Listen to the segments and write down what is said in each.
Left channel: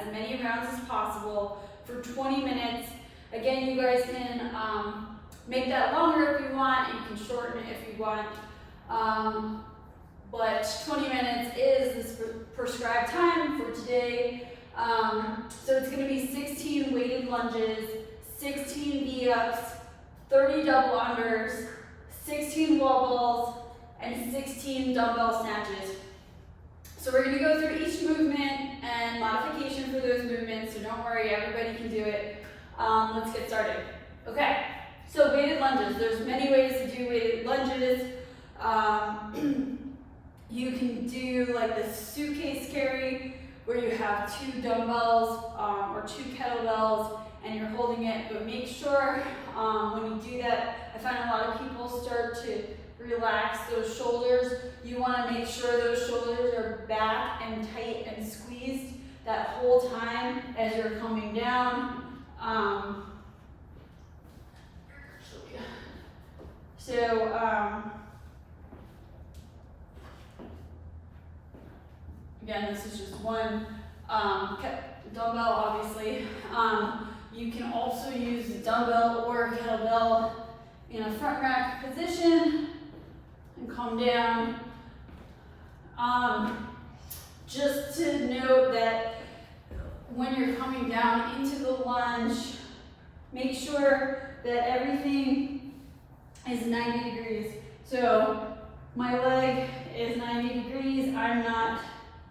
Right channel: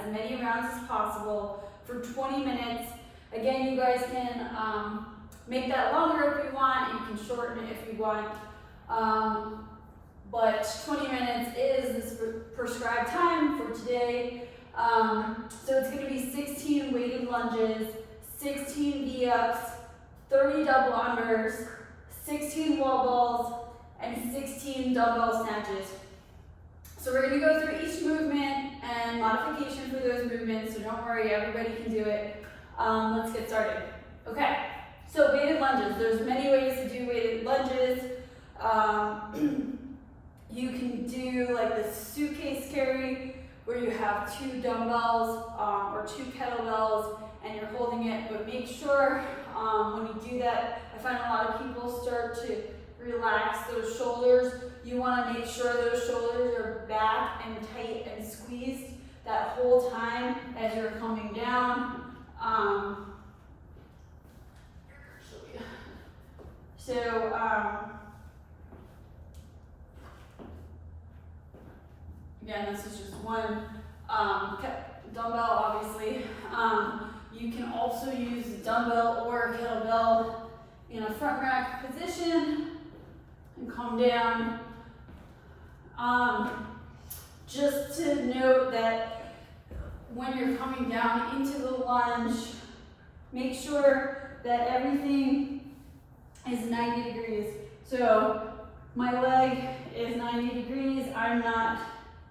as many rounds as possible for 20 minutes. Again, you guys can make that longer if you want. You can shorten it if you want. But 20 minutes is the prescribed time for today. So it's going to be 16 weighted lunges, 16 V-ups, 30 double unders, 16 wall balls, and 16 dumbbell snatches. So we're going to go through each movement and modification for those movements, so don't worry, everybody can do it. Let's get started. Okay, so weighted lunges. There's many ways to do weighted lunges. You can do like the suitcase carry, where you have 2 dumbbells or 2 kettlebells and you're holding it, but make sure when you do that, I find a lot of people start to relax those shoulders. You want to make sure those shoulders are back and tight and squeezed that whole time as you're coming down. Again, this is just one dumbbell, obviously. You can also use the dumbbell or kettlebell in a front rack position and come down. Just to note that when you're coming down into the lunge, make sure that everything is 90 degrees. So my leg is 90 degrees. I'm not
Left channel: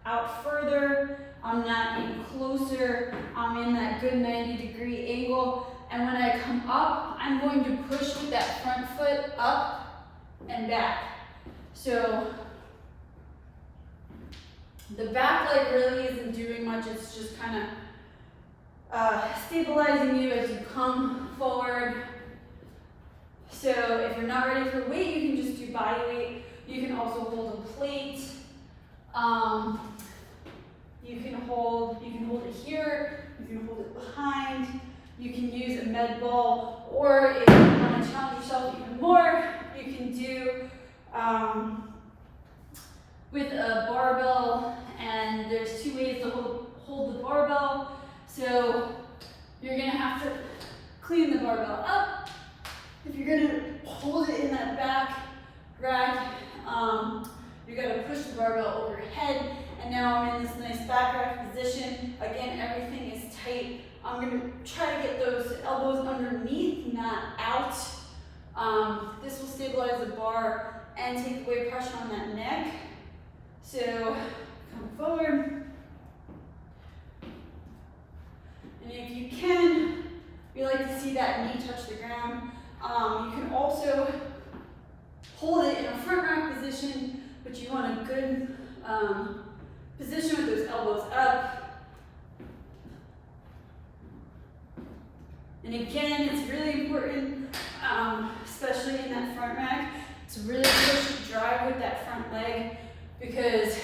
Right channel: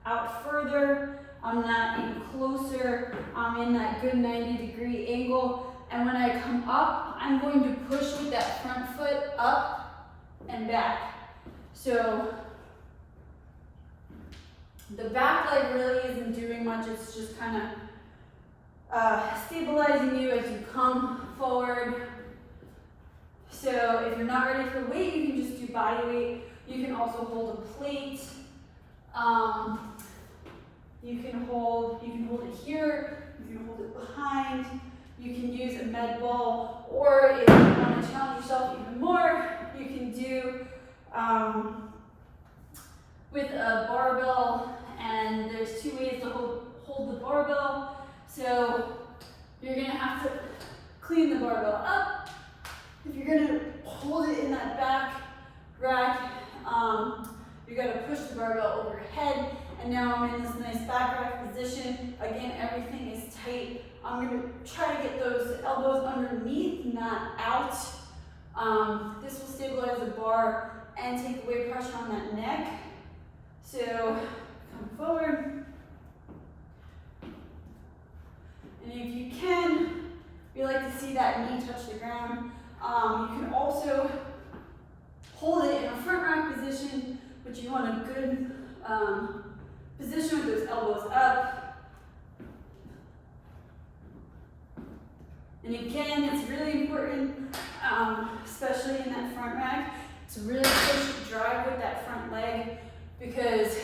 out further. I'm not even closer. I'm in that good 90-degree angle. And when I come up, I'm going to push with that front foot up and back. So the back leg really isn't doing much. It's just kind of stabilizing you as you come forward. So if you're not ready for weight, you can just do body weight. You can also hold a plate. You can hold it here, you can hold it behind, you can use a med ball, or if you want to challenge yourself even more, you can do with a barbell, and there's 2 ways to hold the barbell. So you're going to have to clean the barbell up. If you're going to hold it in that back rack, you got to push the barbell overhead. And now I'm in this nice back rack position. Again, everything is tight. I'm going to try to get those elbows underneath, not out. This will stabilize the bar and take away pressure on that neck. So come forward. And if you can, we like to see that knee touch the ground. You can also hold it in a front rack position, but you want a good position with those elbows up. And again, it's really important, especially in that front rack, to really push and drive with that front leg, because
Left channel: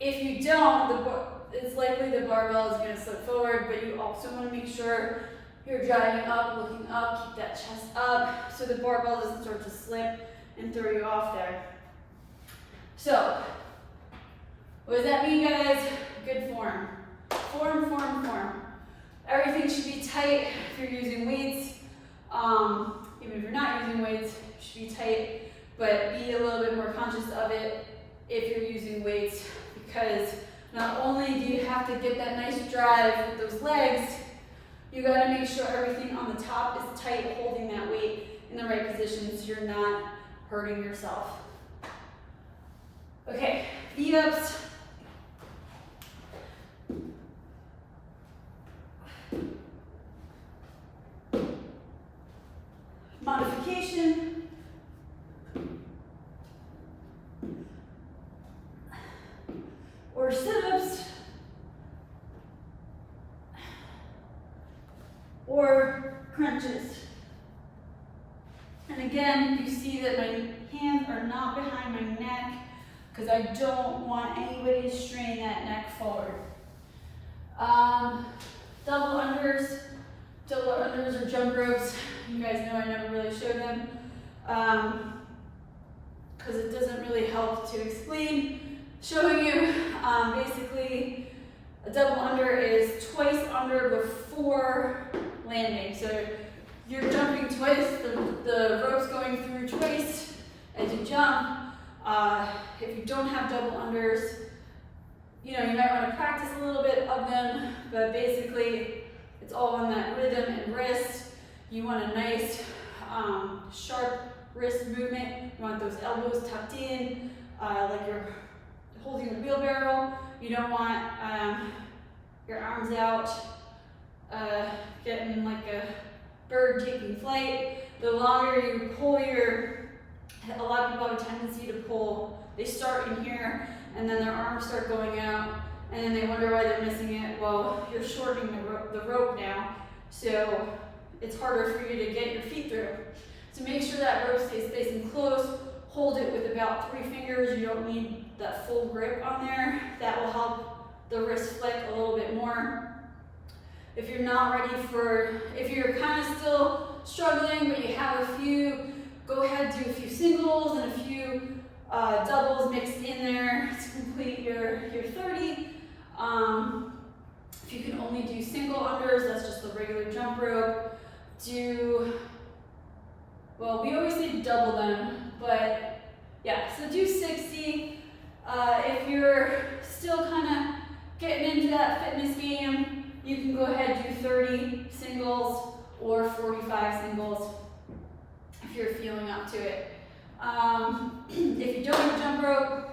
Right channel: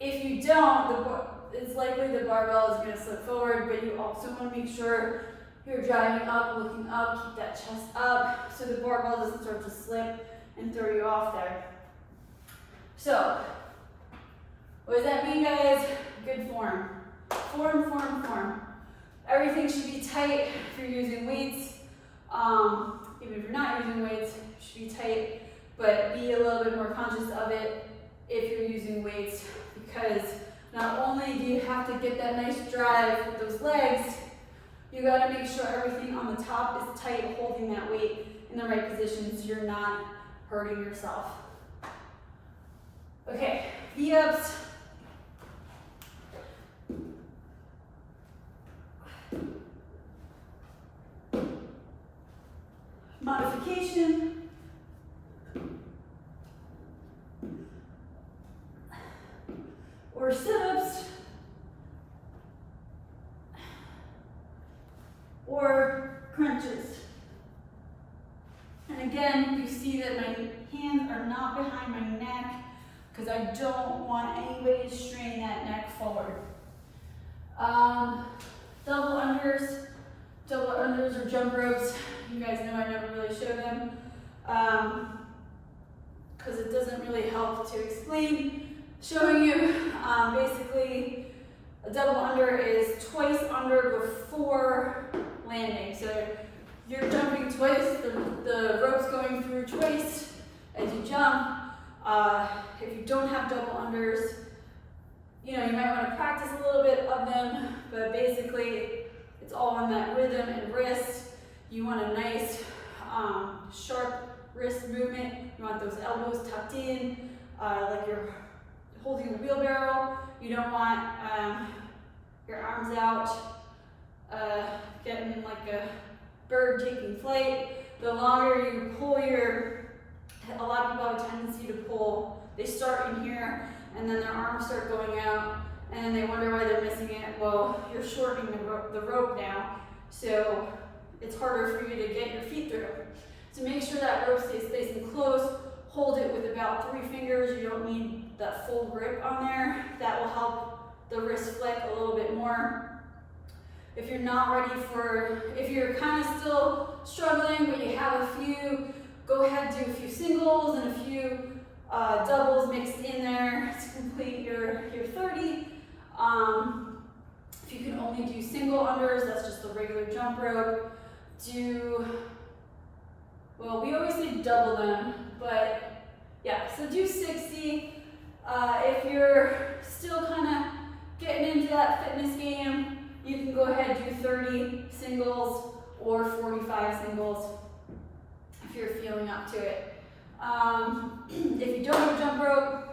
if you don't, it's likely the barbell is going to slip forward, but you also want to make sure you're driving up, looking up, keep that chest up, so the barbell doesn't start to slip and throw you off there. So, what does that mean, guys? Good form. Form. Everything should be tight if you're using weights. Even if you're not using weights, it should be tight, but be a little bit more conscious of it if you're using weights, because not only do you have to get that nice drive with those legs, you got to make sure everything on the top is tight, holding that weight in the right position so you're not hurting yourself. Okay, V-ups. Modification. Or sit-ups. Or crunches. And again, you see that my hands are not behind my neck, because I don't want anybody to strain that neck forward. Double unders or jump ropes. You guys know I never really show them because it doesn't really help to explain. showing you basically a double under is twice under before landing. So you're jumping twice, the rope's going through twice as you jump. If you don't have double unders, you know, you might want to practice a little bit of them, but basically it's all on that rhythm and wrist. You want a nice sharp wrist movement. You want those elbows tucked in, like you're holding a wheelbarrow. You don't want your arms out, getting like a bird taking flight. The longer you pull a lot of people have a tendency to pull, they start in here and then their arms start going out and then they wonder why they're missing it. Well, you're shortening the rope now, so it's harder for you to get your feet through. So make sure that rope stays nice and close. Hold it with about 3 fingers. You don't need that full grip on there. That will help the wrist flick a little bit more. If you're not ready if you're kind of still struggling, but you have a few, go ahead, do a few singles and a few doubles mixed in there to complete your 30. If you can only do single unders, that's just the regular jump rope. Well, we always say double them, but yeah, so do 60. If you're still kind of getting into that fitness game, you can go ahead and do 30 singles or 45 singles if you're feeling up to it. If you don't have a jump rope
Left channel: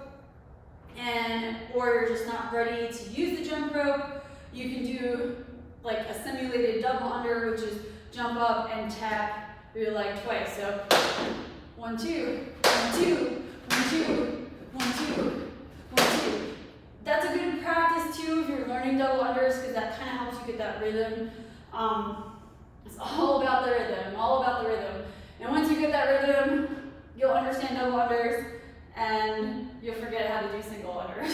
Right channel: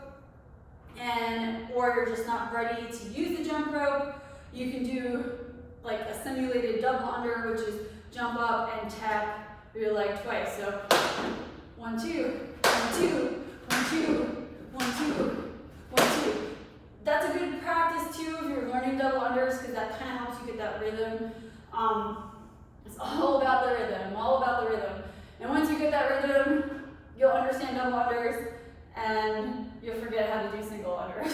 or you're just not ready to use the jump rope, you can do like a simulated double under, which is jump up and tap your leg twice. So 1, 2, 1, 2, 1, 2, 1, 2, 1, 2. That's a good practice too if you're learning double unders, because that kind of helps you get that rhythm. It's all about the rhythm, all about the rhythm. And once you get that rhythm, you'll understand double unders and you'll forget how to do single unders.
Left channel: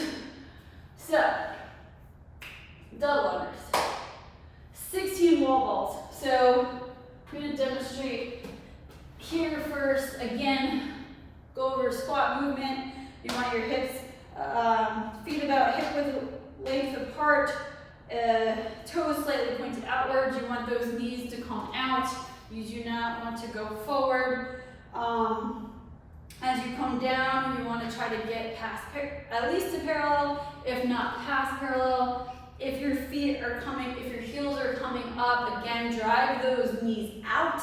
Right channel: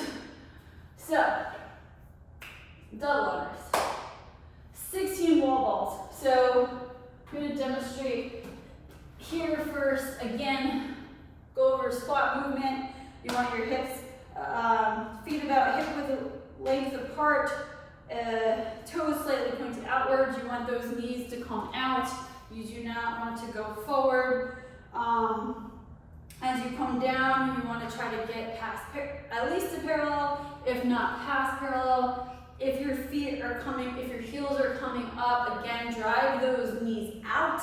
So, double unders. 16 wall balls. So, I'm going to demonstrate here first. Again, go over squat movement. You want your hips, feet about hip width length apart, toes slightly pointed outwards. You want those knees to come out. You do not want to go forward. As you come down, you want to try to get past, at least to parallel, if not past parallel. If your heels are coming up, again, drive those knees out.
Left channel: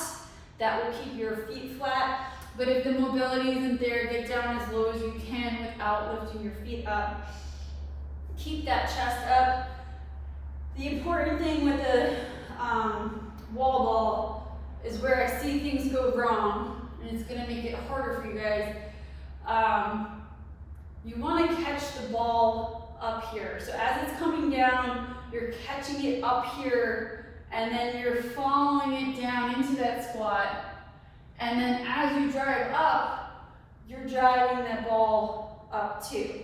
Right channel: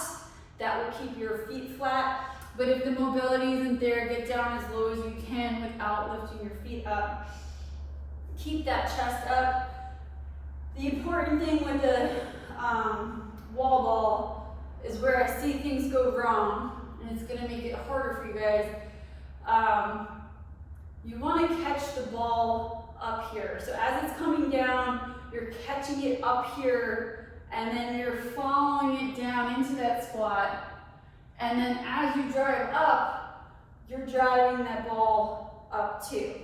That will keep your feet flat. But if the mobility isn't there, get down as low as you can without lifting your feet up. Keep that chest up. The important thing with the wall ball is where I see things go wrong, and it's going to make it harder for you guys. You want to catch the ball up here. So as it's coming down, you're catching it up here, and then you're following it down into that squat. And then as you drive up, you're driving that ball up too.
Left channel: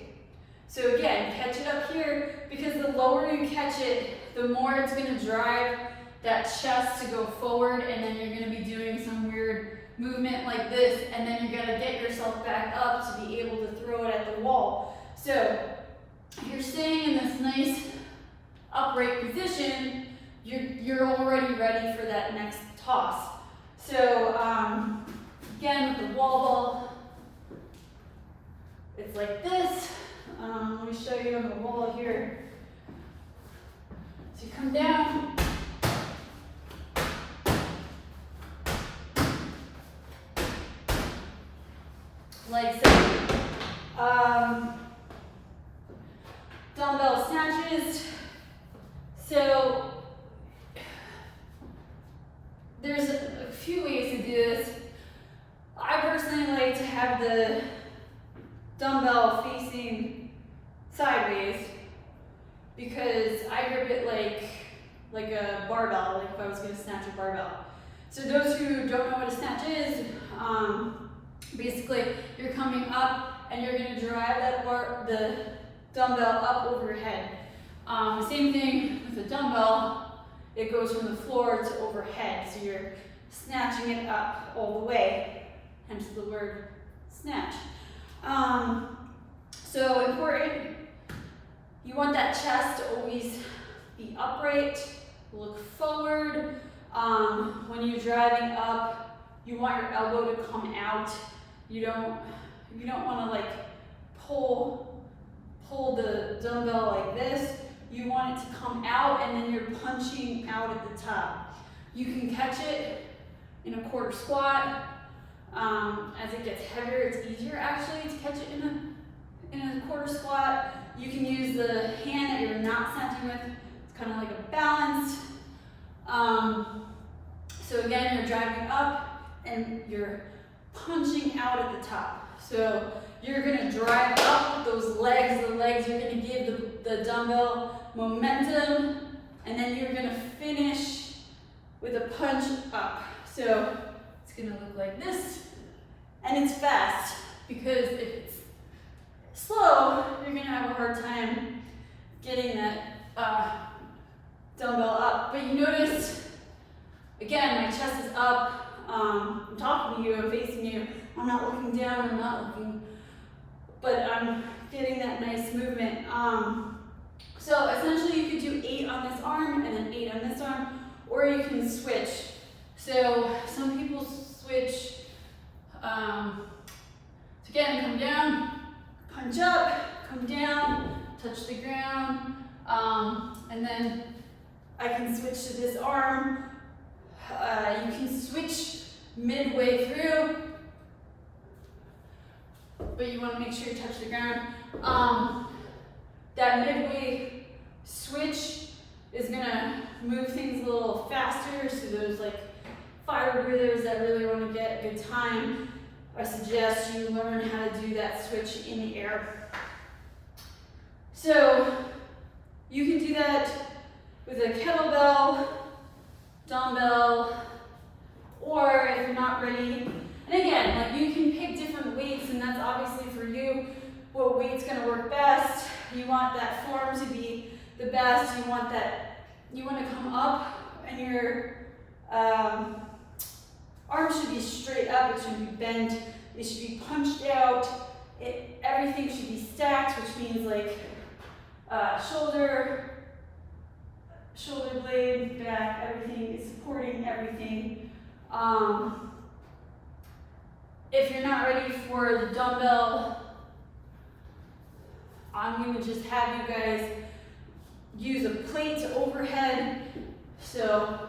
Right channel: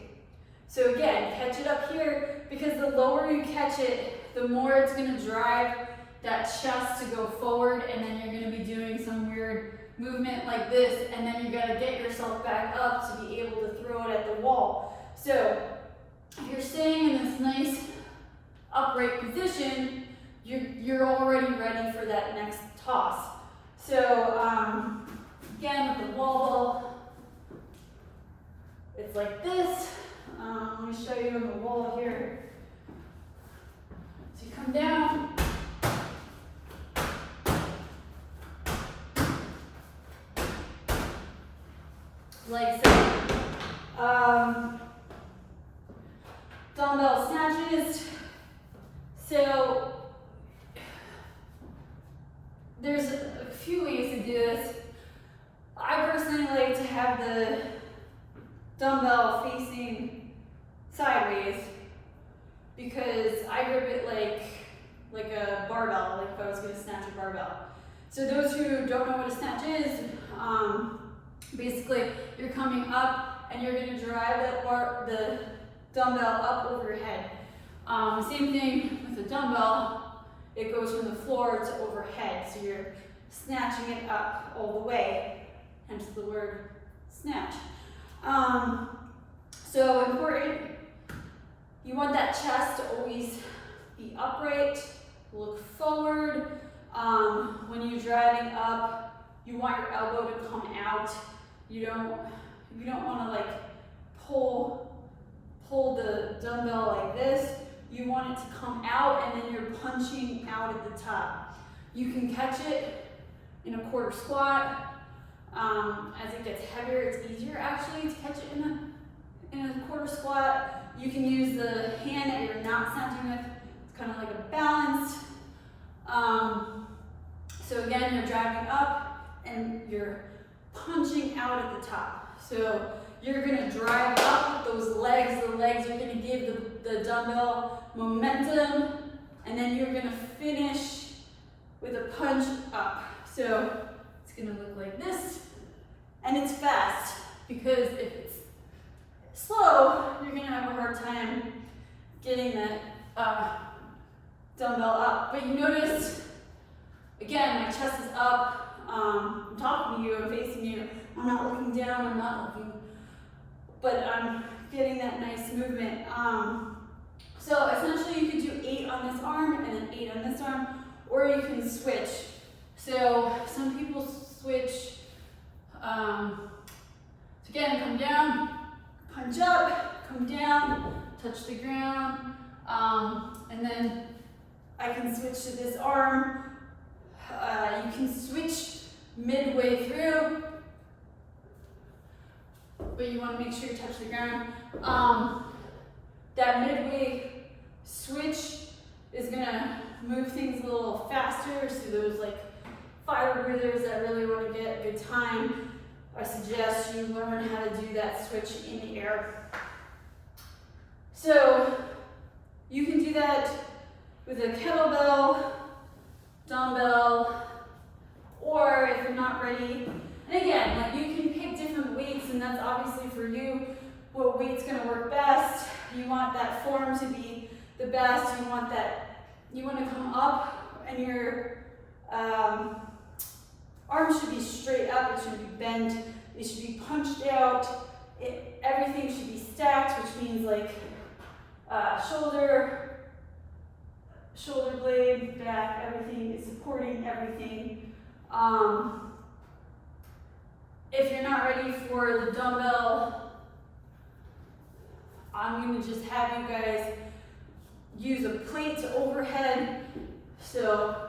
So again, catch it up here, because the lower you catch it, the more it's going to drive that chest to go forward, and then you're going to be doing some weird movement like this, and then you got to get yourself back up to be able to throw it at the wall. So if you're staying in this nice upright position, you're already ready for that next toss. So again, with the wall ball, it's like this. Let me show you on the wall here. So you come down. Like so. Dumbbell snatches. So there's a few ways to do this. I personally like to have the dumbbell facing sideways because I grip it like a barbell, like if I was going to snatch a barbell. So those who don't know what a snatch is, basically you're coming up and you're going to drive the dumbbell up over your head. Same thing with the dumbbell, it goes from the floor to overhead, so you're snatching it up all the way, hence the word snatch. So important, you want that chest to always be upright, look forward. When you're driving up, you want your elbow to come out. You don't want to like pull the dumbbell like this. You want it to come out and then you're punching out at the top. You can catch it in a quarter squat. As it gets heavier, it's easier actually to catch it in a quarter squat. You can use the hand that you're not snatching with. It's kind of like a balance. So again, you're driving up and you're punching out at the top. So you're gonna drive up with those legs. The legs are gonna give the dumbbell momentum, and then you're gonna finish with a punch up. So it's gonna look like this, and it's fast, because if it's slow, you're gonna have a hard time getting that dumbbell up. But you notice, again, my chest is up. I'm talking to you, I'm facing you. I'm not looking down, I'm not looking, but I'm getting that nice movement. So essentially you could do 8 on this arm and then 8 on this arm, or you can switch. So some people switch, so again, come down, punch up, come down, touch the ground, and then I can switch to this arm. You can switch midway through, but you want to make sure you touch the ground. That midway switch is going to move things a little faster, so those like fire breathers that really want to get a good time, I suggest you learn how to do that switch in the air. So you can do that with a kettlebell, dumbbell, or if you're not ready, and again, like you can pick different weights, and that's obviously for you, what weight's gonna work best. You want that form to be the best. You want to come up, and your arms should be straight up, it should be bent, it should be punched out, everything should be stacked, which means like shoulder blade, back, everything is supporting everything. If you're not ready for the dumbbell, I'm going to just have you guys use a plate to overhead. So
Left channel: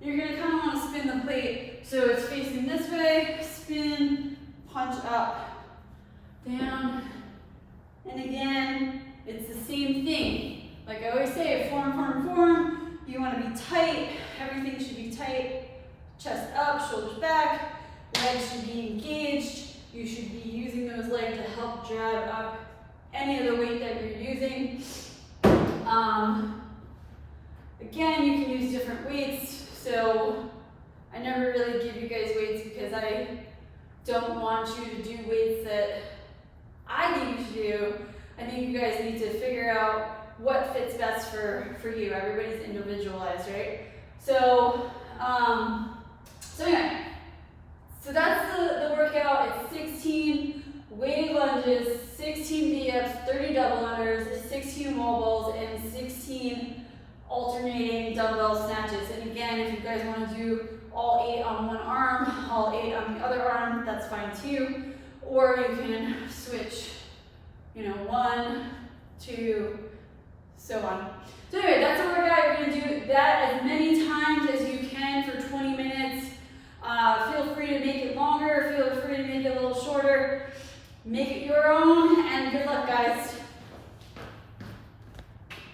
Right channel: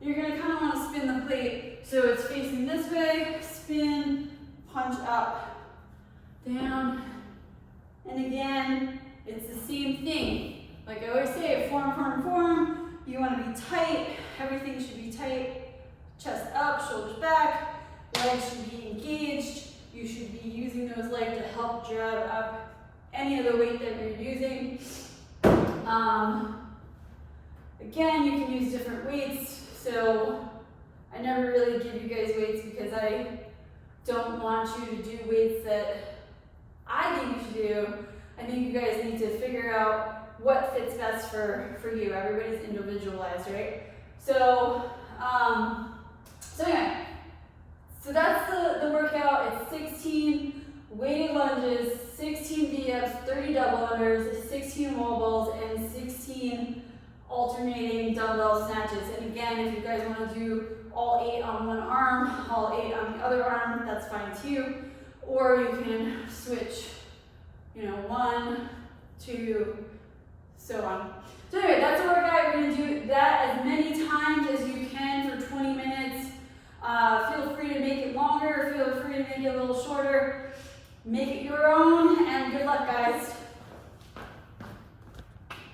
you're going to kind of want to spin the plate so it's facing this way, spin, punch up, down, and again, it's the same thing. Like I always say, form. You want to be tight, everything should be tight, chest up, shoulders back, legs should be engaged. You should be using those legs to help drive up any of the weight that you're using. Again, you can use different weights. So I never really give you guys weights because I don't want you to do weights that I think you should do. I think you guys need to figure out what fits best for you. Everybody's individualized, right? So, anyway, so that's the workout. It's 16 weighted lunges, 16 V-ups, 30 double unders, 16 wall balls, and 16 alternating dumbbell snatches. And again, if you guys want to do all 8 on one arm, all 8 on the other arm, that's fine too. Or you can switch, 1, 2, so on. So anyway, that's the workout. You're going to do that as many times as you can for 20 minutes. Feel free to make it longer, feel free to make it a little shorter. Make it your own, and good luck, guys.